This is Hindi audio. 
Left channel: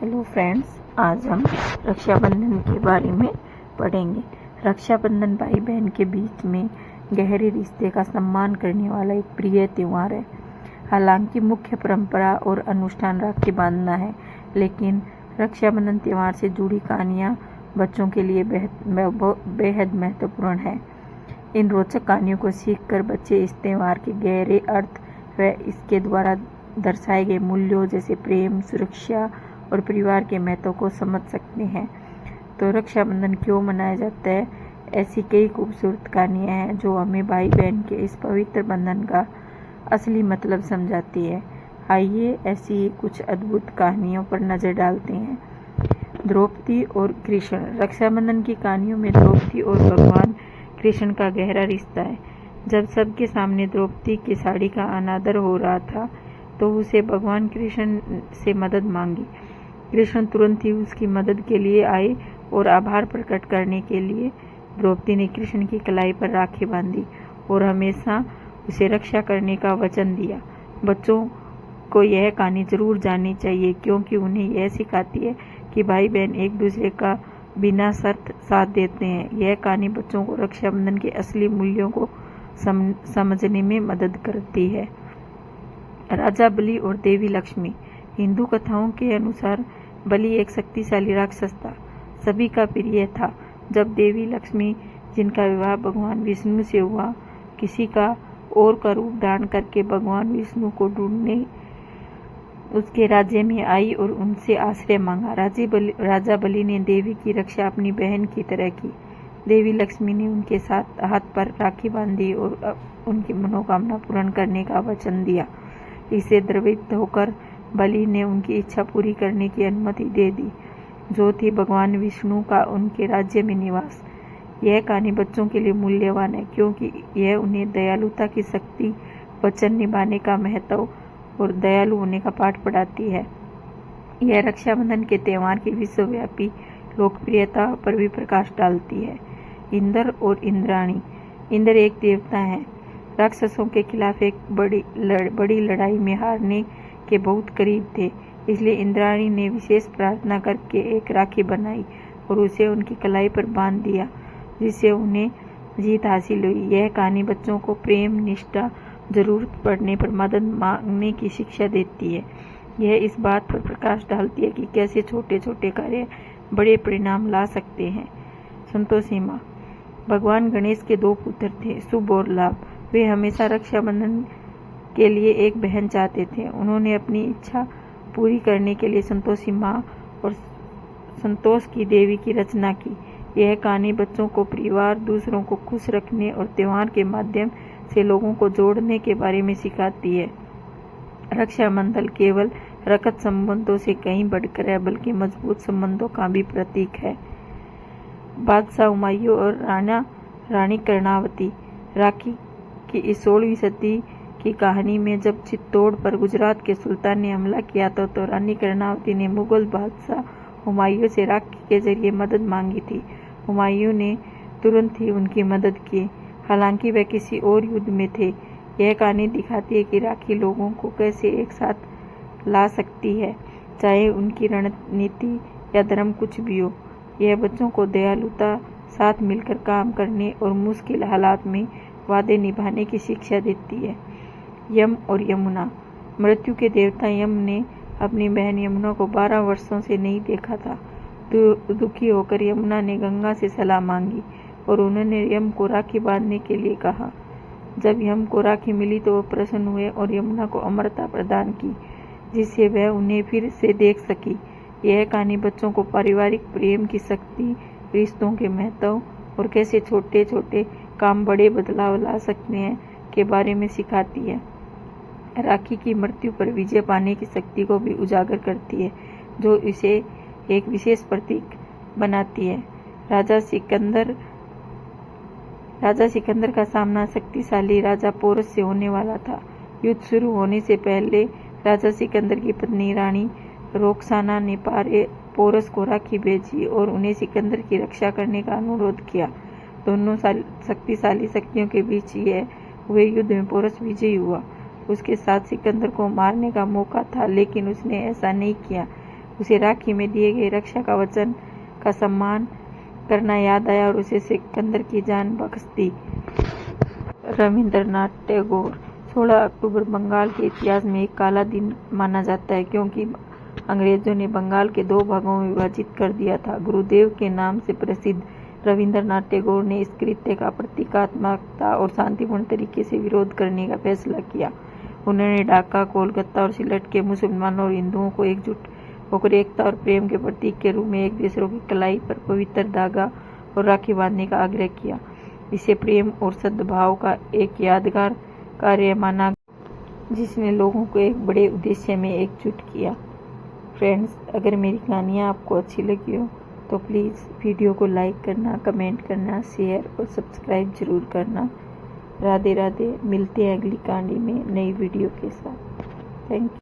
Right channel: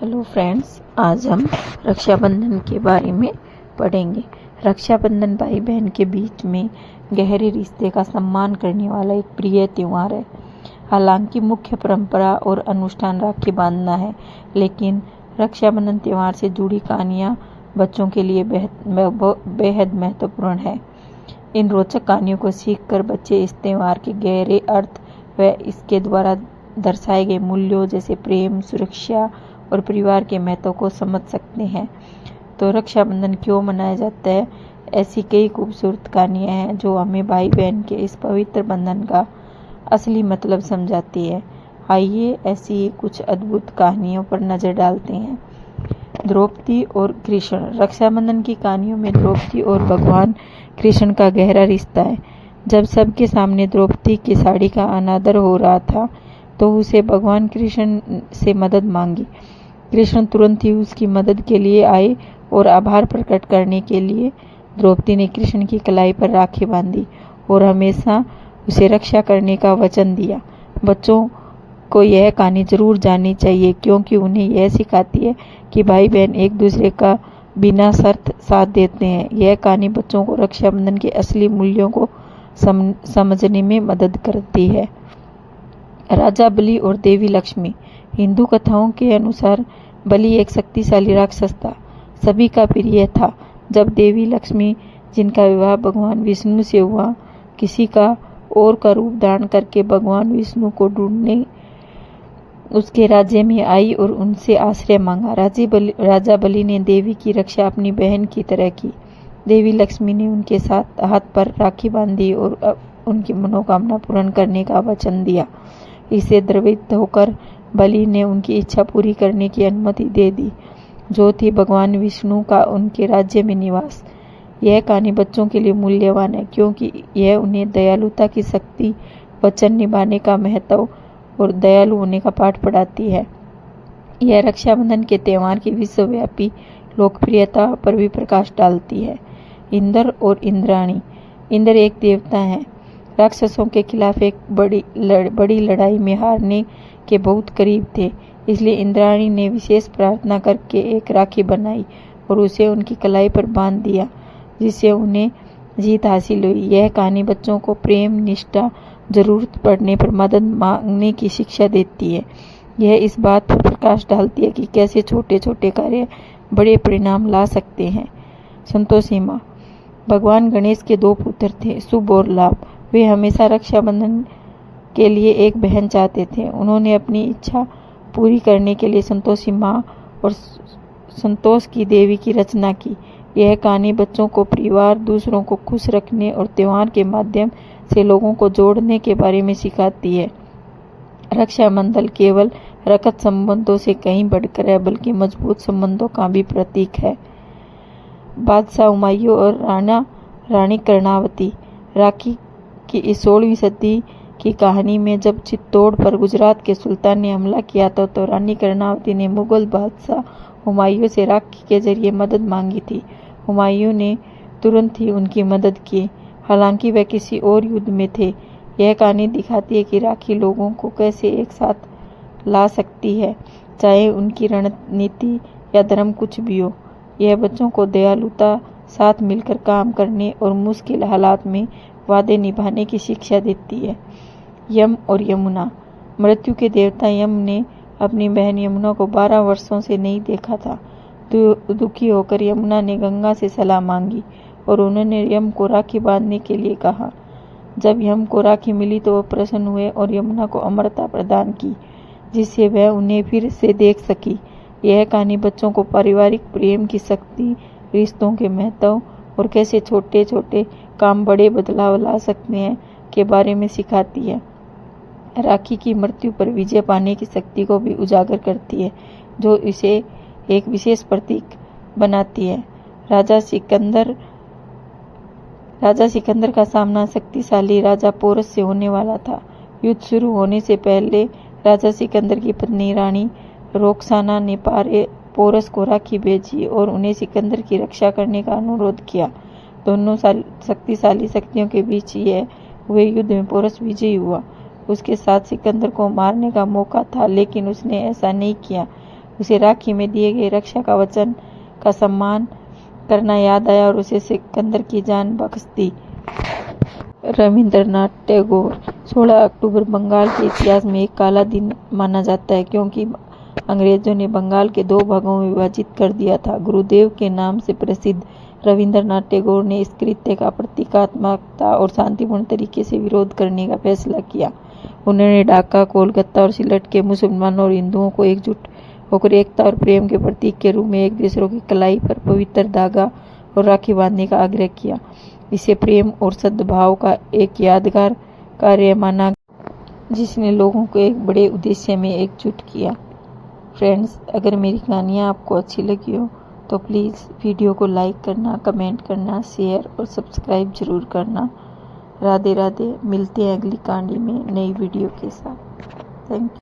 हेलो फ्रेंड्स, आज हम रक्षाबंधन के बारे में पढ़ेंगे। रक्षाबंधन भाई बहन के बीच में गहरे रिश्ते का सम्मान करने वाला एक प्रिय त्यौहार है। हालांकि मुख्य परंपरा और अनुष्ठान राखी बांधना है, लेकिन रक्षाबंधन त्यौहार से जुड़ी कहानियाँ बच्चों के लिए बेहद महत्वपूर्ण है। इन रोचक कहानियों को सीखकर बच्चे इस त्यौहार के गहरे अर्थ व इसके द्वारा दर्शाए गए मूल्यों जैसे प्रेम, सुरक्षा और परिवार के महत्व को समझ सकते हैं। तो रक्षाबंधन क्यों मनाया जाता है? ऐसी कई खूबसूरत कहानियाँ हैं जो हमें भाई बहन के इस पवित्र बंधन का असली मतलब समझाती है। आइए ऐसी कुछ अद्भुत कहानियों पर नज़र डालते हैं। द्रौपदी और कृष्ण। रक्षाबंधन की कहानियों में द्रौपदी और भगवान कृष्ण का गहरा रिश्ता है। जब सबके सामने द्रौपदी की साड़ी का अनादर हो रहा था तो उसे भगवान कृष्ण से मदद मांगी। कृष्ण तुरंत ही उसकी मदद के लिए आए और आभार प्रकट करने के लिए द्रौपदी ने कृष्ण की कलाई पर राखी बांधी और हमेशा उसे रक्षा करने का वचन दिया। बच्चों को यह कहानी जरूर जाननी चाहिए, क्योंकि उन्हें यह सिखाती है कि भाई बहन एक दूसरे का बिना शर्त साथ देते हैं। यह कहानी बच्चों को रक्षाबंधन के असली मूल्यों को समझने में मदद करती है। राजा बलि और देवी लक्ष्मी। हिंदू कथाओं के अनुसार बलि एक शक्तिशाली राक्षस था, सभी का प्रिय था। जब देवी लक्ष्मी, जिनका विवाह भगवान विष्णु से हुआ, किसी का और का रूप धारण करके भगवान विष्णु को ढूंढने उसके राज्य में आई और उनसे आश्रय मांगा। राजा बलि ने देवी की रक्षा अपनी बहन की तरह की। देवी लक्ष्मी ने उनके साथ हाथ पर राखी बांधी और उनकी मनोकामना पूर्ण करने का वचन दिया। इससे द्रवित होकर बलि ने उनकी इच्छा पूरी करने की अनुमति दे दी, जो थी भगवान विष्णु का उनके राज्य में निवास। यह कहानी बच्चों के लिए मूल्यवान है, क्योंकि यह उन्हें दयालुता की शक्ति, वचन निभाने का महत्व और दयालु होने का पाठ पढ़ाती है। यह रक्षाबंधन के त्यौहार की विश्वव्यापी लोकप्रियता पर भी प्रकाश डालती है। इंद्र और इंद्राणी। इंद्र एक देवता है, राक्षसों के खिलाफ एक बड़ी लड़ाई में हारने के बहुत करीब थे। इसलिए इंद्राणी ने विशेष प्रार्थना करके एक राखी बनाई और उसे उनकी कलाई पर बांध दिया, जिससे उन्हें जीत हासिल हुई। यह कहानी बच्चों को प्रेम, निष्ठा, जरूरत पड़ने पर मदद मांगने की शिक्षा देती है। यह इस बात पर प्रकाश डालती है कि कैसे छोटे छोटे कार्य बड़े परिणाम ला सकते हैं। संतोषी माँ। भगवान गणेश के दो पुत्र थे, शुभ और लाभ। वे हमेशा रक्षाबंधन के लिए एक बहन चाहते थे। उन्होंने अपनी इच्छा पूरी करने के लिए संतोषी माँ और संतोष की देवी की रचना की। यह कहानी बच्चों को परिवार, दूसरों को खुश रखने और त्योहार के माध्यम से लोगों को जोड़ने के बारे में सिखाती है। रक्षाबंधन केवल रक्त संबंधों से कहीं बढ़कर है, बल्कि मजबूत संबंधों का भी प्रतीक है। बादशाह हुमायूं और रानी कर्णावती। राखी की इस 16वीं सदी की कहानी में जब चित्तौड़ पर गुजरात के सुल्तान ने हमला किया था, तो रानी कर्णावती ने मुगल बादशाह हुमायूं से राखी के जरिए मदद मांगी थी। हुमायूं ने तुरंत ही उनकी मदद की, हालांकि वह किसी और युद्ध में थे। यह कहानी दिखाती है कि राखी लोगों को कैसे एक साथ ला सकती है, चाहे उनकी रणनीति या धर्म कुछ भी हो। यह बच्चों को दयालुता, साथ मिलकर काम करने और मुश्किल हालात में वादे निभाने की शिक्षा देती है। यम और यमुना। मृत्यु के देवता यम ने अपनी बहन यमुना को 12 वर्षों से नहीं देखा था। दुखी होकर यमुना ने गंगा से सलाह मांगी और उन्होंने यम को राखी बांधने के लिए कहा। जब यम को राखी मिली तो वह प्रसन्न हुए और यमुना को अमरता प्रदान की, जिससे वह उन्हें फिर से देख सकी। यह कहानी बच्चों को पारिवारिक प्रेम की शक्ति, रिश्तों के महत्व और कैसे छोटे छोटे काम बड़े बदलाव ला सकते हैं के बारे में सिखाती है। राखी की मृत्यु पर विजय पाने की शक्ति को भी उजागर करती है, जो इसे एक विशेष प्रतीक बनाती है। राजा सिकंदर का सामना शक्तिशाली राजा पोरस से होने वाला था। युद्ध शुरू होने से पहले राजा सिकंदर की पत्नी रानी रोक्साना ने पोरस को राखी भेजी और उन्हें सिकंदर की रक्षा करने का अनुरोध किया। दोनों शक्तिशाली शक्तियों के बीच यह हुए युद्ध में पोरस विजयी हुआ। उसके साथ सिकंदर को मारने का मौका था, लेकिन उसने ऐसा नहीं किया। उसे राखी में दिए गए रक्षा का वचन का सम्मान करना याद आया और उसे सिकंदर की जान बख्श दी। रविंद्रनाथ टैगोर। 16 अक्टूबर बंगाल के इतिहास में एक काला दिन माना जाता है क्योंकि अंग्रेजों ने बंगाल के 2 भागों में विभाजित कर दिया था। गुरुदेव के नाम से प्रसिद्ध रविंद्रनाथ टैगोर ने इस कृत्य का प्रतीकात्मकता और शांतिपूर्ण तरीके से विरोध करने का फैसला किया। उन्होंने ढाका, कोलकाता और सिलट के मुसलमानों और हिंदुओं को एकजुट होकर एकता और प्रेम के प्रतीक के रूप में एक दूसरे की कलाई पर पवित्र धागा और राखी बांधने का आग्रह किया। इसे प्रेम और सद्भाव का एक यादगार कार्य माना जिसने लोगों को एक बड़े उद्देश्य में एकजुट किया। फ्रेंड्स, अगर मेरी कहानियाँ आपको अच्छी लगी हो तो प्लीज़ वीडियो को लाइक करना, कमेंट करना, शेयर और सब्सक्राइब जरूर करना। राधे राधे। मिलते हैं अगली कहानी में नई वीडियो के साथ। Thank you.